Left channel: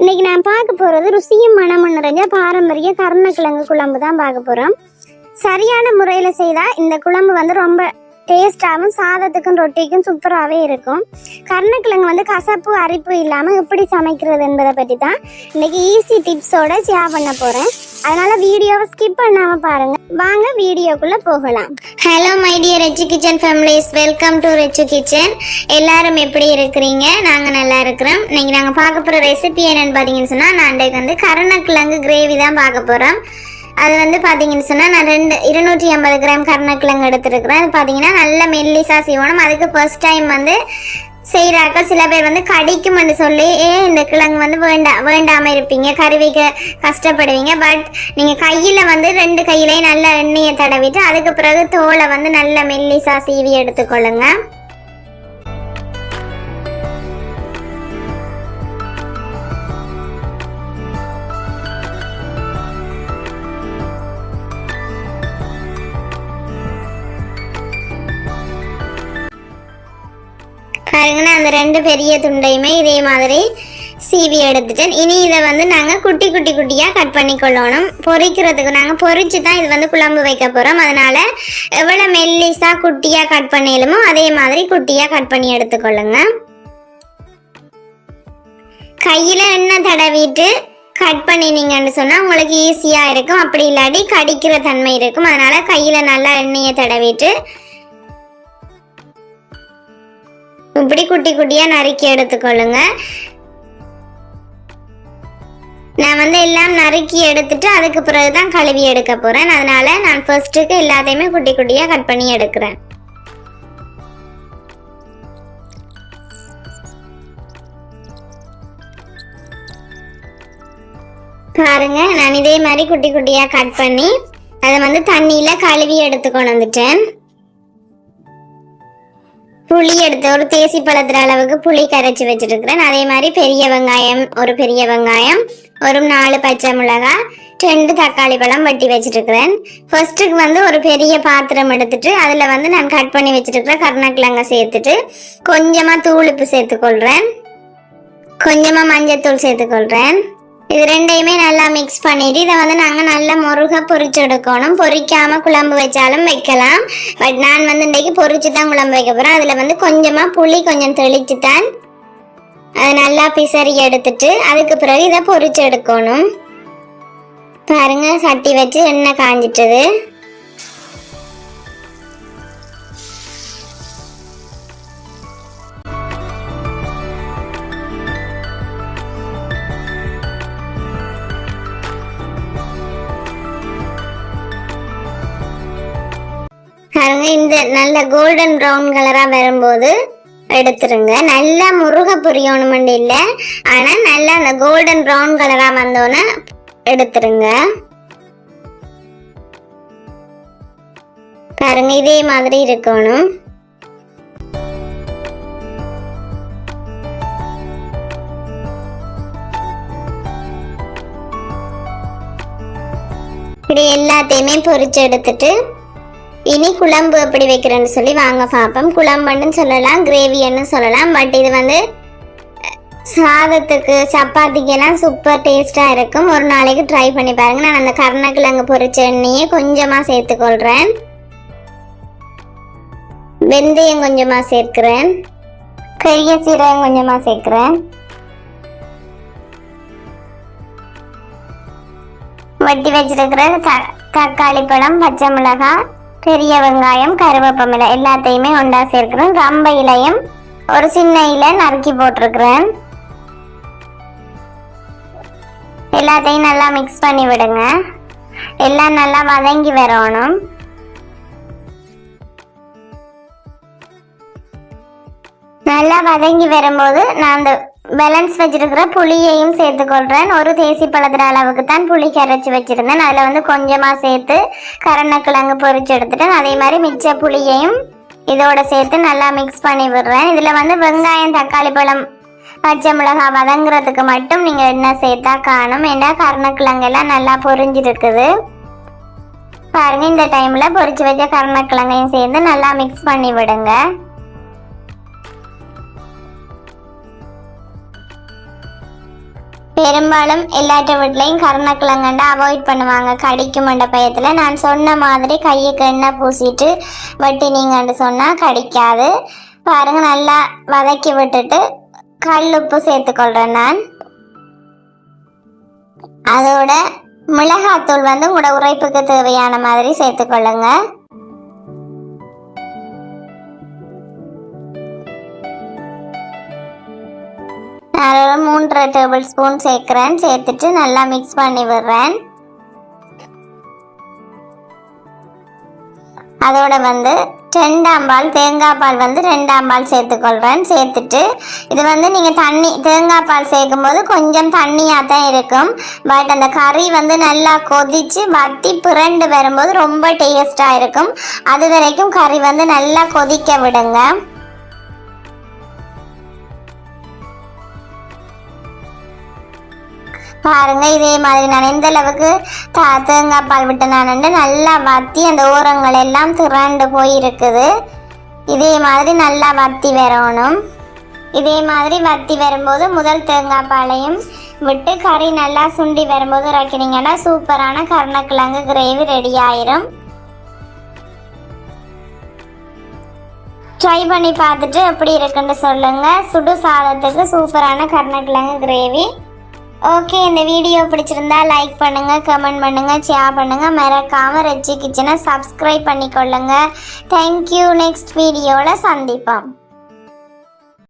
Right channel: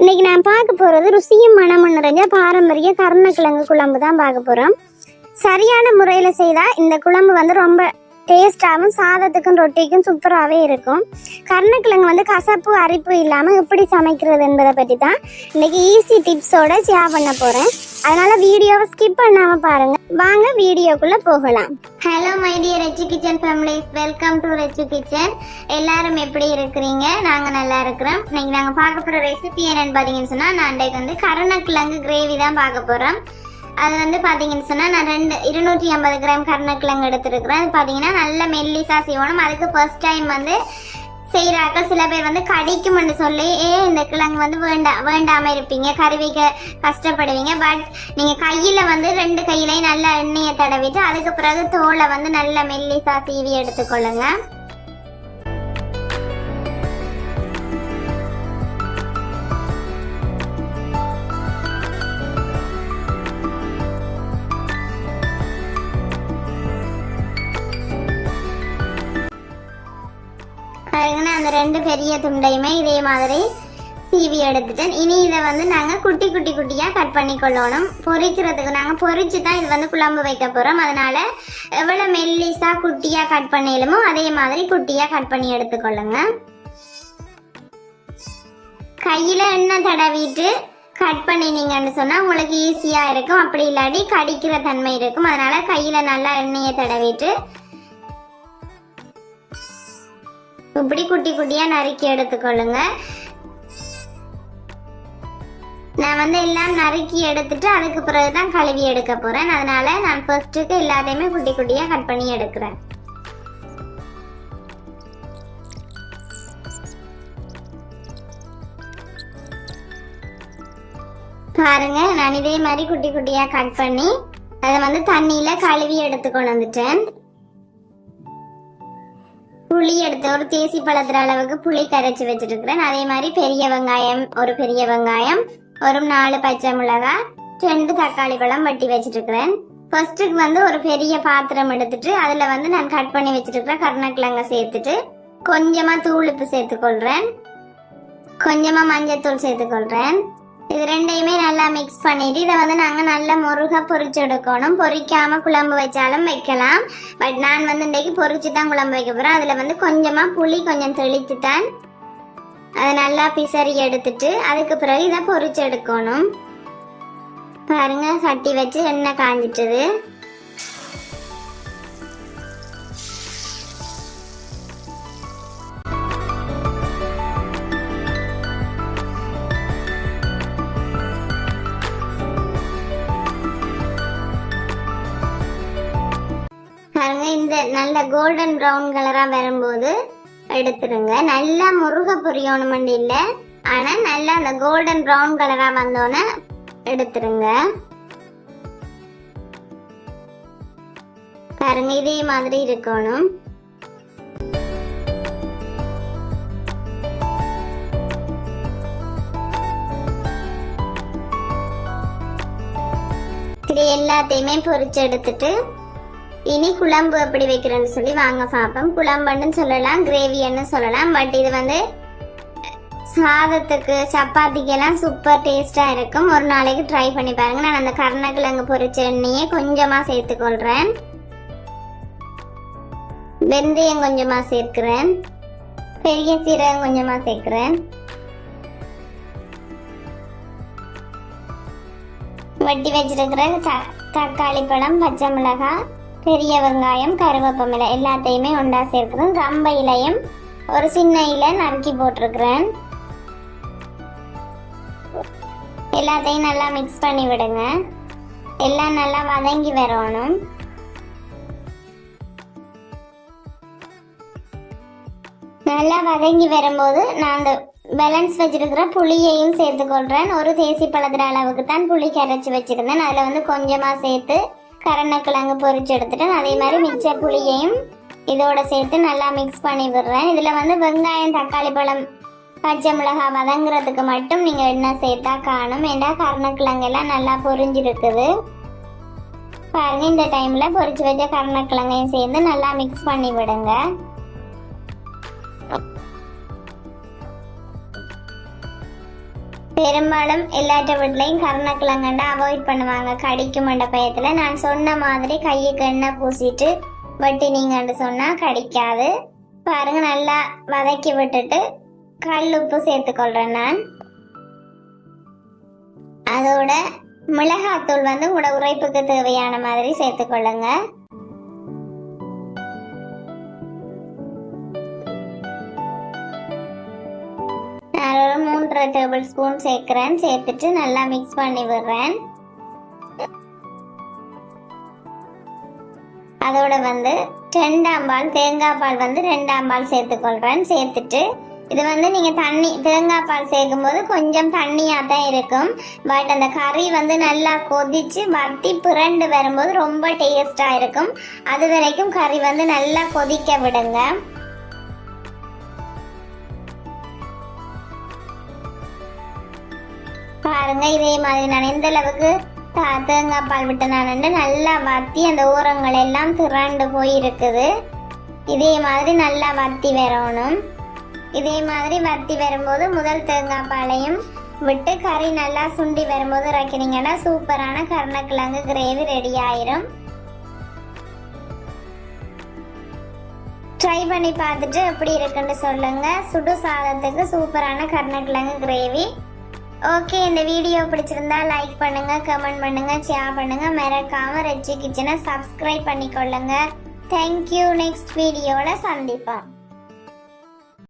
இன்னைக்கு நான் பார்க்க போகிறது ருசியும் மனமும் நிறைஞ்ச பாரம்பரிய கருணக்கிழங்கு குழம்பு தான் பார்க்க போகிறோம். சரியான முறையில் செய்தால் இந்த குழம்பு வந்து ரொம்ப டேஸ்டாகவும் சாதத்துக்கும் ரொட்டிக்கும் சூப்பராகவே இருக்கும். கருணக்கிழங்கு கசப்பு அரிப்பு இல்லாமல் எப்படி சமைக்கிறது என்பதை பற்றி தான் இன்னைக்கு ஈஸி டிப்ஸோட ஷேர் பண்ண போகிறேன். அதனால் வீடியோவை ஸ்கிப் பண்ணாமல் பாருங்கள். வாங்க வீடியோக்குள்ளே போகலாம். Hello my dear rich kitchen families, welcome to rich kitchen. எல்லாரும் எப்படி இருக்கிறீங்க? நாங்கள் நல்லா இருக்கிறோம். இன்னைக்கு நாங்கள் பார்க்க போகிற ரெசிபி என்னென்னு பார்த்தீங்கன்னு சொன்னால், நான் இன்றைக்கு கருணக்கிழங்கு கிரேவி தான் பார்க்க போகிறோம். அது பார்த்தீங்கன்னு சொன்னால், நான் 250 கிராம் கருணக்கிழங்கு எடுத்துருக்குறேன். அது பார்த்தீங்கன்னா நல்ல மெல்லிசா செய்யணும். அதுக்கு ஃபர்ஸ்ட் டைம் செய்கிறாக்க சில பேர் கடிக்கும்னு சொல்லி இந்த கிழங்கு வேண்டாமல் இருப்பீங்க, கருவிக்க கஷ்டப்படுவீங்க. பட் நீங்கள் கையில் 2 கையிலையும் நல்ல எண்ணெயை தடவிட்டு அதுக்கு பிறகு தோலை நல்ல மெல்லிசா சீவி எடுத்துக்கொள்ளுங்க. பாருங்கன்னா அந்த 2 பெரிய துண்டையுமே இதே மாதிரி சீவி எடுத்துட்டேன். இனி இதை நாங்கள் குட்டி குட்டியாக கட் பண்ணி கொள்ளணும். பொரிக்கிறதுக்கு நாங்கள் பொரிச்சு தான் இது குழம்பு வைக்க போகிறோம். அதனால் எவ்வளோ மெல்லிஸாக குட்டியாக கட் பண்ணிடலுமோ அதே மாதிரி குட்டியாக கட் பண்ணி எடுத்துக்கொள்ளுங்க. கையில் எண்ணெய் தடவிட்டு கட் பண்ணினீங்கன்னு சொன்னால் உங்களுக்கு ஈஸியாக இருக்கும். அப்படி இல்லாட்டி கடிக்கிற தன்மை இருக்கும். அதனால் கையில் நல்லா எண்ணெயை தடவிட்டு இப்படி குட்டி குட்டியா நறுக்கி எடுத்துக்கொள்ளுங்க. நான் எல்லாம் நறுக்கி எடுத்துட்டு அதுக்கு பிறகுதான் கழுவி எடுக்க போறேன். அதனால நான் ஃபர்ஸ்ட்டுக்கு எல்லாத்தையுமே குட்டி குட்டியா கட் பண்ணி எடுக்கிறேன். பாருங்க, நான் இதே மாதிரி குட்டி குட்டியா கட் பண்ணி அதை தண்ணியில கழுவி எடுத்துக்கொண்டு வந்துட்டேன். புளி எடுத்து ஒரு தேசி பழத்துல அளவுக்கு புளி கரைச்சி வச்சிருக்கிறேன். அதே மாதிரி பெரிய வெங்காயம், ஒரு பெரிய வெங்காயம், ஒரு 4 பச்சை மிளகாய், 2 தக்காளி பழம் வெட்டி வச்சிருக்கிறேன். ஃபர்ஸ்ட்டுக்கு ஒரு பெரிய பாத்திரம் எடுத்துட்டு அதுல நான் கட் பண்ணி வச்சிருக்கிற கருணக்கிழங்க சேர்த்துட்டு கொஞ்சமா தூளுப்பு சேர்த்துக்கொள்றேன், கொஞ்சமா மஞ்சத்தூள் சேர்த்துக்கொள்றேன். இது 2யுமே நல்லா மிக்ஸ் பண்ணிட்டு இதை நாங்கள் நல்லா முருக பொரிச்சு எடுக்கணும். பொரிக்காம குழம்பு வச்சாலும் வைக்கலாம். பட் நான் இன்றைக்கு பொரிச்சு தான் குழம்பு வைக்க போகிறேன். அதில் கொஞ்சமா புளி கொஞ்சம் தெளிச்சு தான் அதை நல்லா பிசறி எடுத்துட்டு அதுக்கு பிறகு இதை பொரிச்சு எடுக்கணும். பாருங்க, சட்டி வச்சு எண்ணெய் காஞ்சிட்டது. இந்த நல்ல கோல்டன் ப்ரௌன் கலரா வரும்போது எடுத்துருங்க. நல்லா முருக பொரியணும் இல்லை, ஆனா நல்லா அந்த கோல்டன் ப்ரௌன் கலரா வந்தோன்னு எடுத்துருங்க. பாருங்க, இதே மாதிரி இருக்கணும். இது எல்லாத்தையுமே பொரிச்சு எடுத்துட்டு இனி குழம்பு எப்படி வைக்கிறேன்னு சொல்லி வாங்க பார்ப்போம். குழம்புன்னு சொல்லலாம், கிரேவின்னு சொல்லலாம். பட் இது சாதத்துக்கு சப்பாத்திக்கெல்லாம் சூப்பர் டேஸ்டாக இருக்கும். ஒரு நாளைக்கு ட்ரை பண்ணி பாருங்க. நான் அந்த கருணக்கிழங்கு பொரிச்ச எண்ணெயை கொஞ்சமாக சேர்த்துக்கொள்கிறேன். வெந்தயம் கொஞ்சமாக சேர்க்கிறேன், பெரிய சீரகம் கொஞ்சமாக சேர்க்கிறேன், வெட்டி வச்சிருக்கிற தக்காளி பழம், பச்சை மிளகாய், பெரிய வெங்காயம், கருவேப்பிலை எல்லாத்தையுமே ஒன்றா சேர்க்கிறேன். ரம்ப இலையும் ஒரு சின்ன இலை நறுக்கி போட்டிருக்கிறேன். எல்லாத்தையும் நல்லா மிக்ஸ் பண்ணி விடுங்க. எல்லாம் நல்லா வதங்கி வரணும். நல்லா வதங்கி வரும்போது நான் அந்த பேலன்ஸ் வச்சிருக்கிற புளியையும் சேர்த்துக்கொள்றேன். ஒரு தேசி பழத்துல அளவுக்கு தான் புளி கரைச்சி வச்சிருந்தேன். அதுல கொஞ்சமா சேர்த்து கருணக்கிழங்கு பொரிச்சு எடுத்துட்டேன். அதே மாதிரி மிச்ச புளியையும் இதோட சேர்த்து நல்லா மிக்ஸ் பண்ணி விடுறேன். இதுல வெங்காயம், தக்காளி பழம், பச்சை மிளகாய் வதங்குறதுக்கு மட்டும் நீங்க எண்ணெய் சேர்த்தா காணும். ஏன்னா கருணக்கிழங்கு எல்லாம் நல்லா பொரிஞ்சிருக்குது. பாருங்க, இந்த டைம்ல பொரிச்சு வச்ச கருணக்கிழங்கையும் சேர்த்து நல்லா மிக்ஸ் பண்ணி விடுங்க. பெரும்பாலும் எல்லாற்ற வீட்லையும் கருணக்கிழங்கண்டா அவாய்ட் பண்ணுவாங்க கடிக்குமென்ற பயத்தில். நான் சொன்ன மாதிரி கையுக்கு எண்ணெய் பூசிட்டு வெட்டினீங்கன்னு சொன்னால் கடிக்காது. பாருங்க, நல்லா வதக்கி விட்டுட்டு கல் உப்பு சேர்த்துக்கொள்கிறேன் நான். அதோட மிளகாத்தூள் வந்து உங்களோட உரைப்புக்கு தேவையான மாதிரி சேர்த்துக்கொள்ளுங்க. நான் 3 டேபிள் ஸ்பூன் சேர்க்கிறேன். சேர்த்துட்டு நல்லா மிக்ஸ் பண்ணி விடுறேன். அதோட வந்து 2ஆம் பால் தேங்காய் பால் வந்து 2ஆம் பால் சேர்த்துக்கொள்கிறேன். சேர்த்துட்டு இது வந்து நீங்கள் தேங்காய் பால் சேர்க்கும் போது கொஞ்சம் தண்ணியாக தான் இருக்கும். பட் அந்த கறி வந்து நல்லா கொதித்து வத்தி புரண்டு வரும்போது ரொம்ப டேஸ்டாக இருக்கும். அது வரைக்கும் கறி வந்து நல்லா கொதிக்க விடுங்க. பாருங்க, இதே மாதிரி நான் எந்த அளவுக்கு தேங்காய் பால் விட்டு நான் நல்லா வத்தி அந்த ஓரங்கள் எல்லாம் திரண்டு போயிருக்குது. இதே மாதிரி நல்லா வத்தி வரணும். இதே மாதிரி வத்தி வரும்போது முதல் தேங்காய் பாலையும் விட்டு கறி நல்லா சுண்டி வரும்போது இறக்கினீங்கன்னா சூப்பரான கருணக்கிழங்கு கிரேவி ரெடி ஆயிரும். ட்ரை பண்ணி பார்த்துட்டு எப்படி இருக்குன்னு சொல்லுங்க. சுடு சாதத்துக்கு சூப்பரான கருணக்கிழங்கு கிரேவி. ஓகே, இந்த வீடியோ பிடிச்சிருந்தா லைக் பண்ணுங்க, கமெண்ட் பண்ணுங்க, ஷேர் பண்ணுங்க. மறக்காம ரெச்சி கிச்சனை சப்ஸ்கிரைப் பண்ணிக்கொள்ளுங்க. தேங்க்யூ. நெக்ஸ்ட் வீடியோவில் சந்திப்போம்.